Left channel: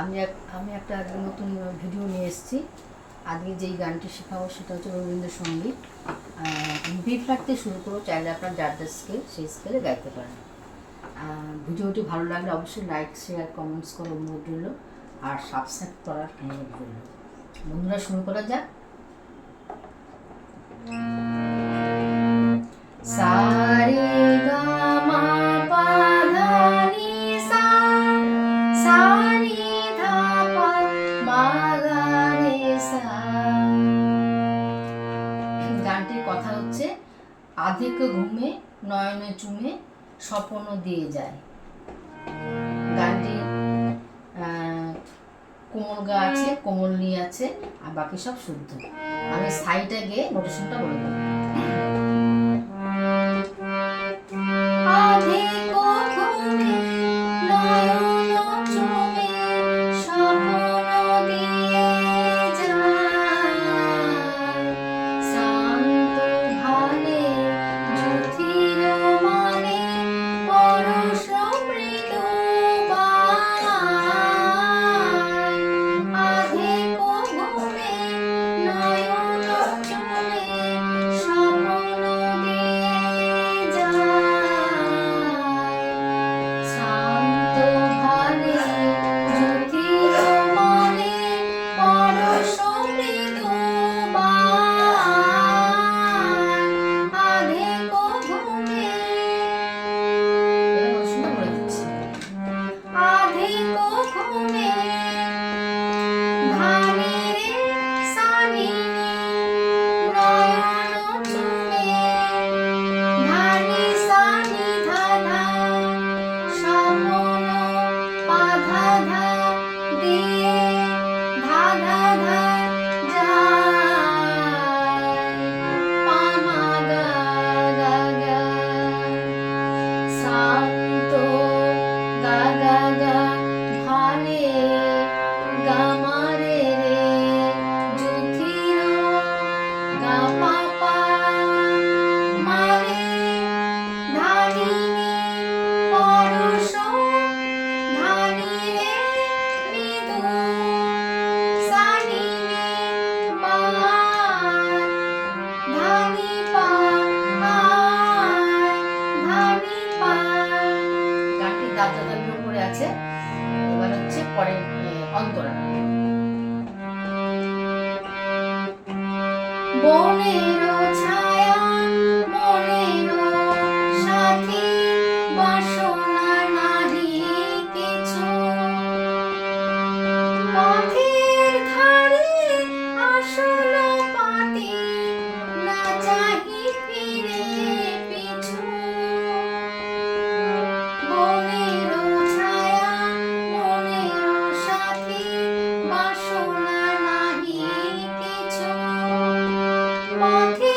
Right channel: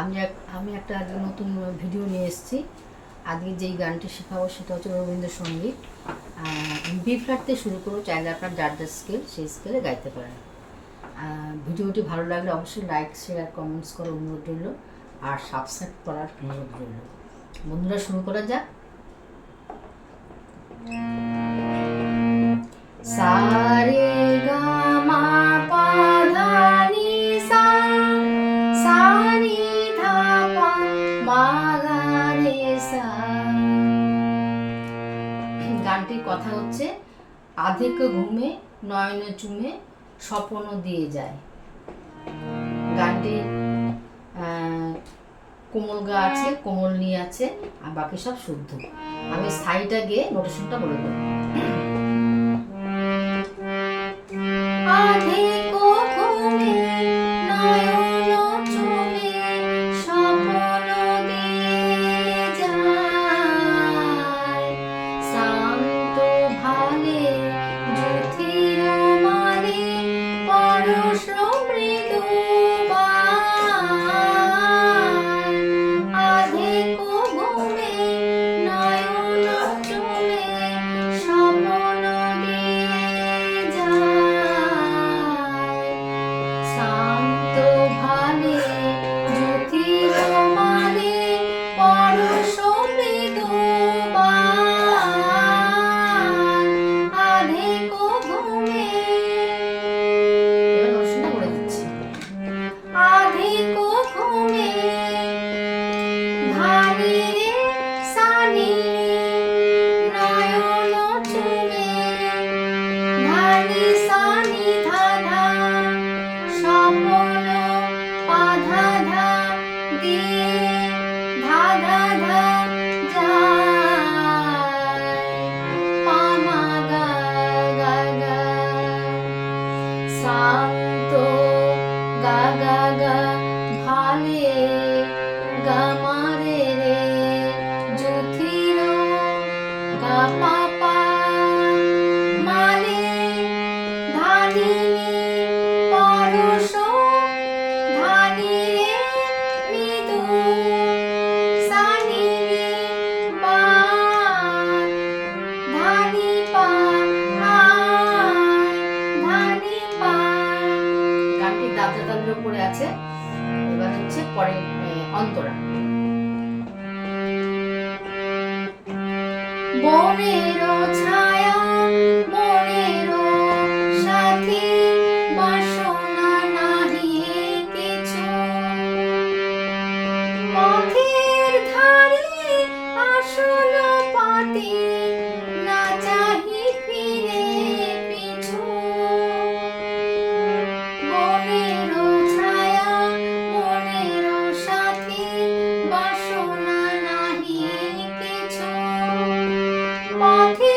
আমি একটা আজকে নতুন ভিডিও নিয়ে এসেছি। আজকে যেই গানটি শেখাবো সেটা হচ্ছে রবীন্দ্রসঙ্গীত। বি ফ্ল্যাট থেকে শুরু করবো, চাইলে আপনার যার যার স্কেল সেই স্কেলে গাইতে পারেন। ভিডিওটি ভালো লাগলে অবশ্যই লাইক শেয়ার কমেন্টস করার অনুরোধ রইল, আর সাবস্ক্রাইব করার অনুরোধ রইল। বন্ধুরা, শুরু করা যাক। সারে গা মা পা ধা নি সা, সা নি ধা পা মা গা রে সা। গানটির কথা হচ্ছে, আধিক ঘুমে নয়নে চুমে স্বপ্ন দিয়ে যায়। গানটি কোমল গা আছে, কোমল নি আছে, আর বাকি সব শুদ্ধ। আমি সাইডে গিয়ে নোটেশনটা বলে দেবো। উপরে আছে। এবার হচ্ছে পরে অন্তরা। বনেরও ছায়া মনেরও সাথী, বাসনা নাহি কিছু, পথের ধারে আসল পাতি, না চাহি ফিরে পিছু। বনেরও ছায়া মনেরও সাথী, বাসনা নাহি কিছু, পথে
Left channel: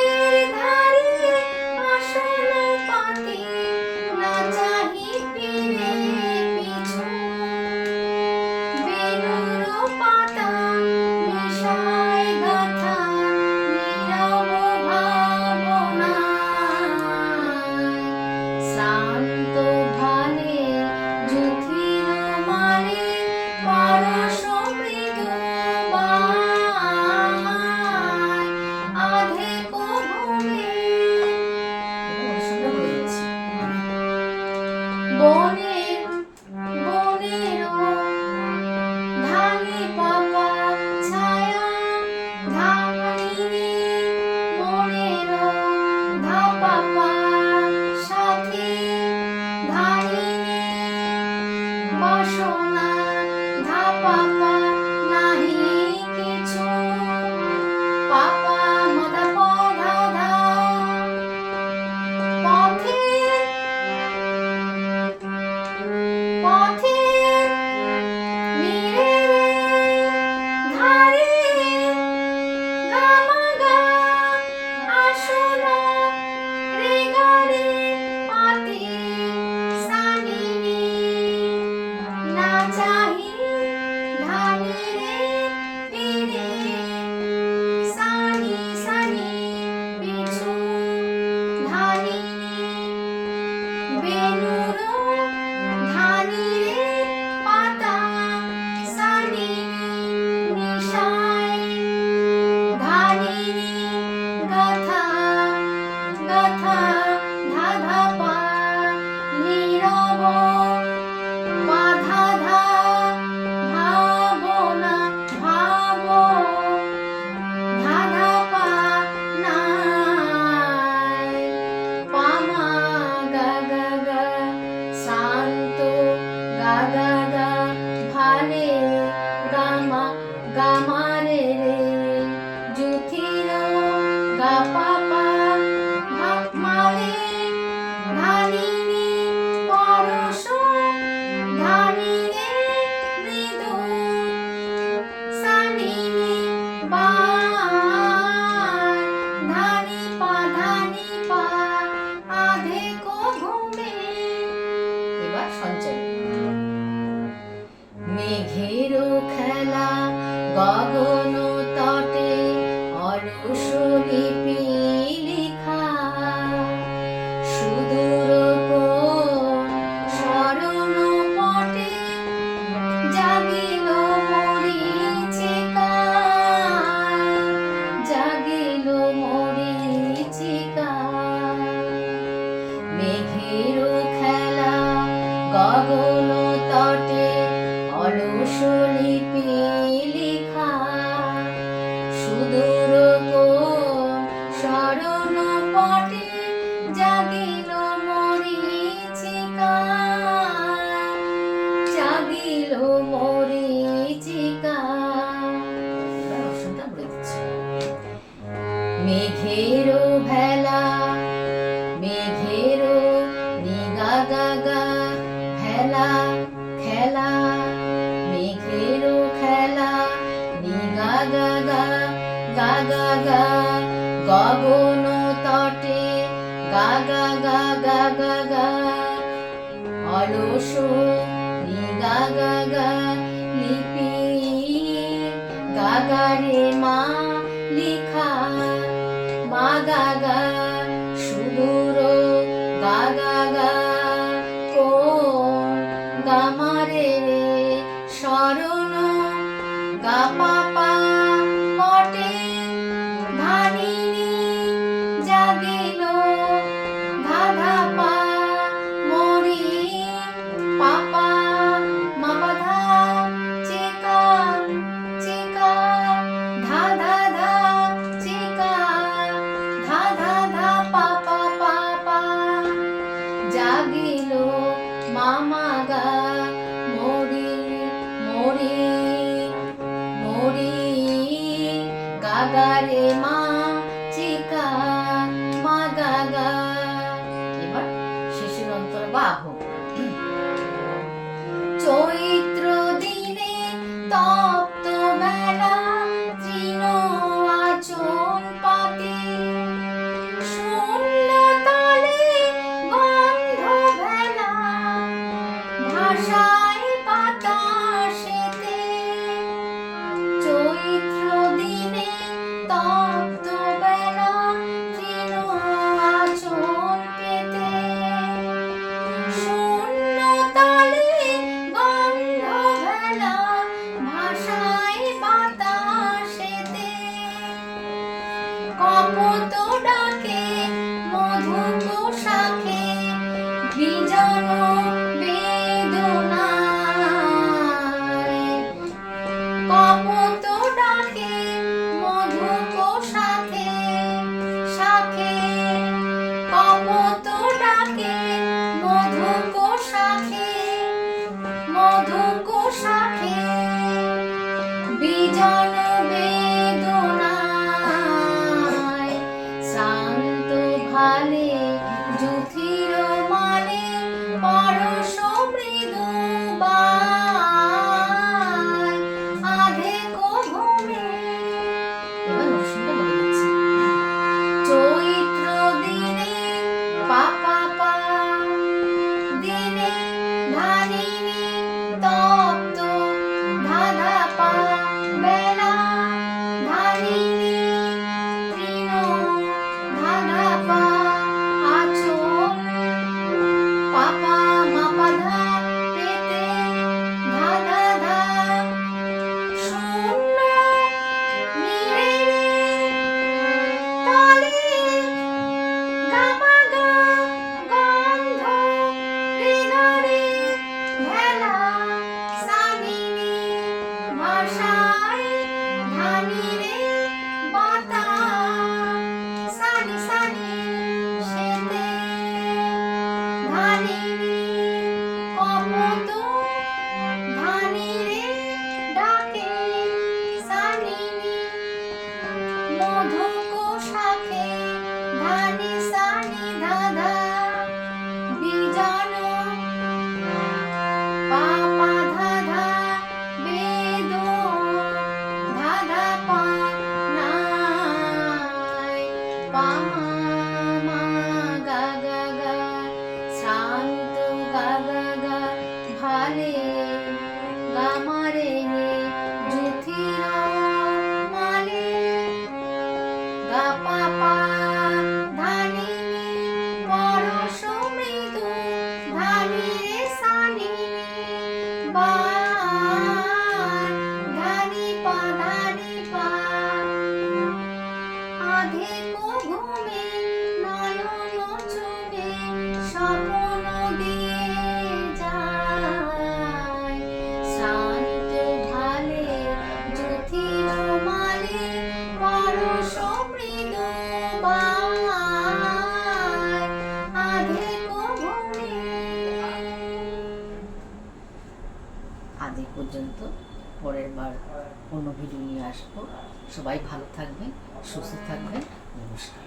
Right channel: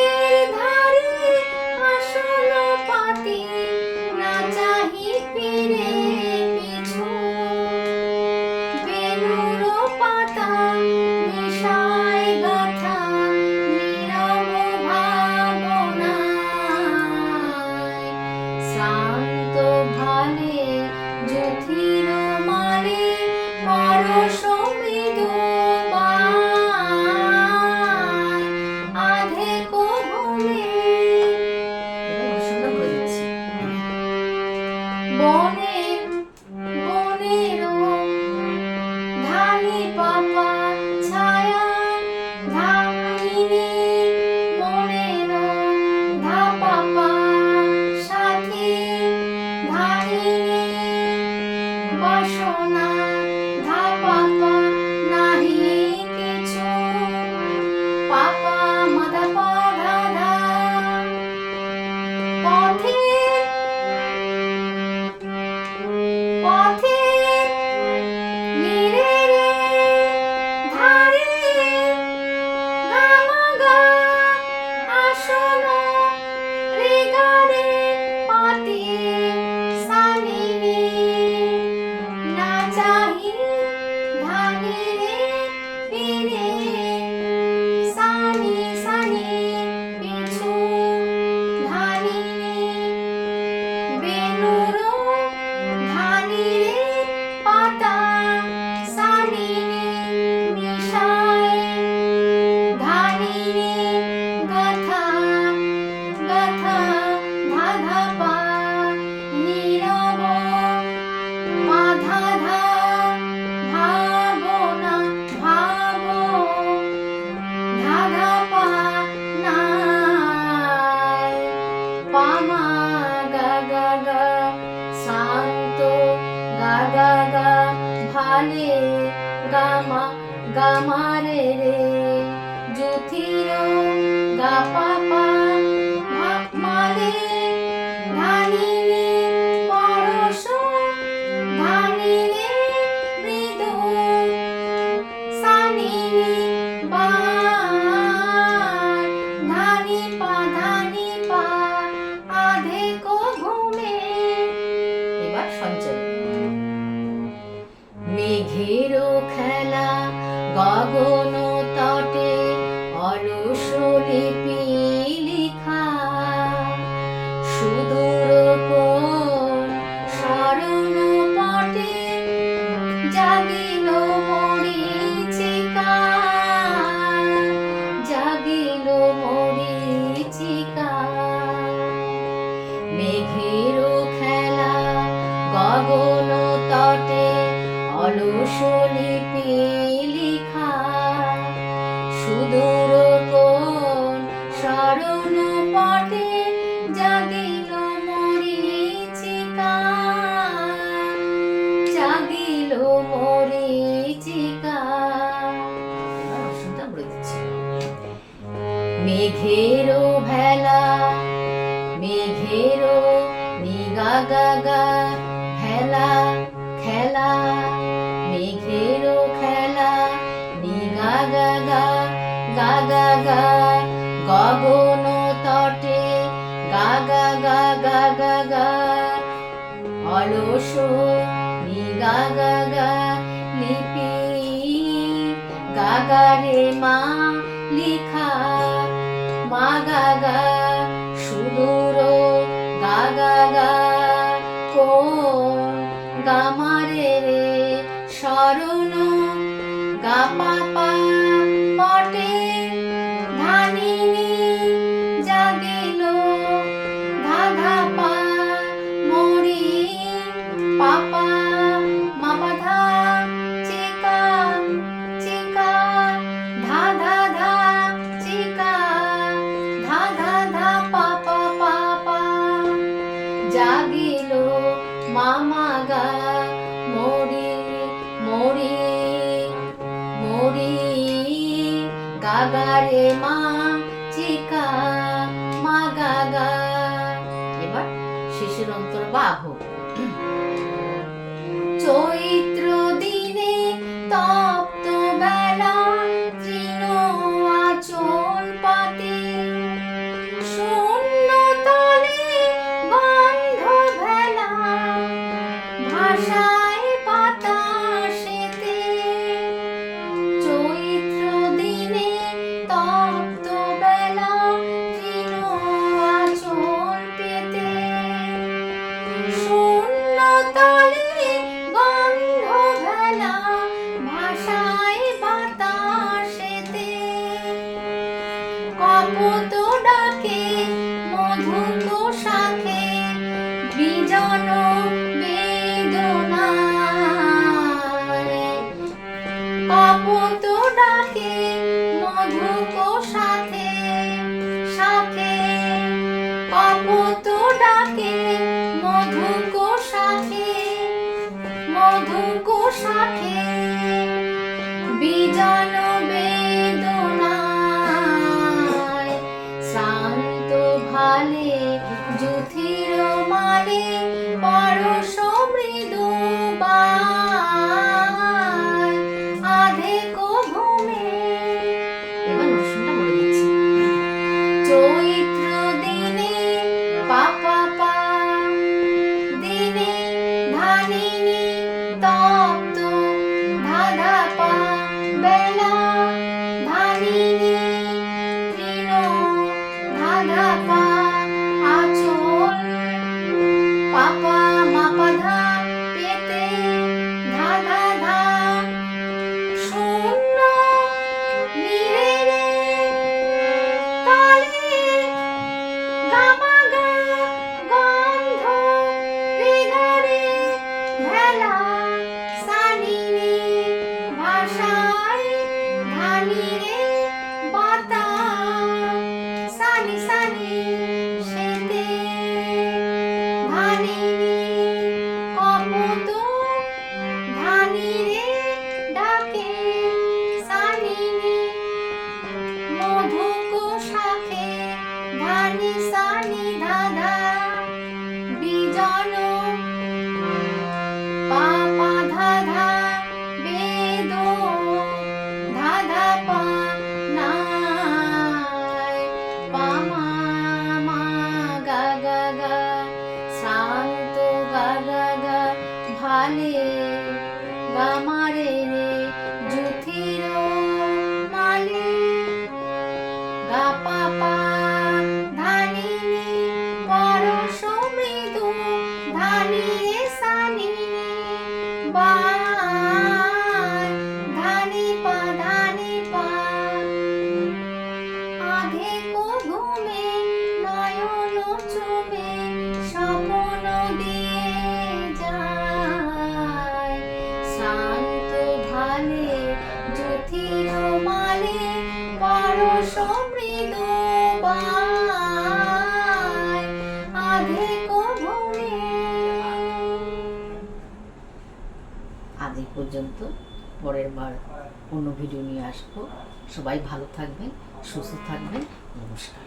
গগন তটে অলস লিপি লিখা, সুদূর কোন স্মরণ পটে জাগিল মরীচিকা, জাগিল মরীচিকা। মেঘের খেলা গগন তটে অলস লিপি লিখা, সুদূর কোন স্মরণ পটে জাগিল মরীচিকা, জাগিল মরীচিকা। মেঘের ভেলা, মেঘের নিগা গা গা ভেলা খেলা, মেঘের খেলা নিগা গা গা গা গা গা, গগন তটে গা গা গা গা গা গা, অলস নিগা গা গা লিপি গা গা রে মা লিখা, মা গা গা সুদূর গা গা গা, কোন গামারে শরণ গা পা পা পটে ধানিনি জাগিল ধা ধা পা মরি পাপা মা পা ধা চিকা চিকা, ধা ধা ধা চিকা, ধা ধা ধা পা পা পা পা, জাগিল মামা গা মরি মরি মরি গা গা রে মা চিকা মা গা গা। এবার শিশুর অন্তর বাহ। চৈত্র দিনে তপ্ত বেলা তৃণ আচল পাতে, শূন্য তলে বন্ধ ভেলা ভাষায় বাতাসেতে। চৈত্র দিনে তপ্ত পর্যন্ত, পরের বার অন্য ভিডিও নিয়ে আসবো। সবাই ভালো থাকবেন, সুস্থ থাকবেন। নমস্কার।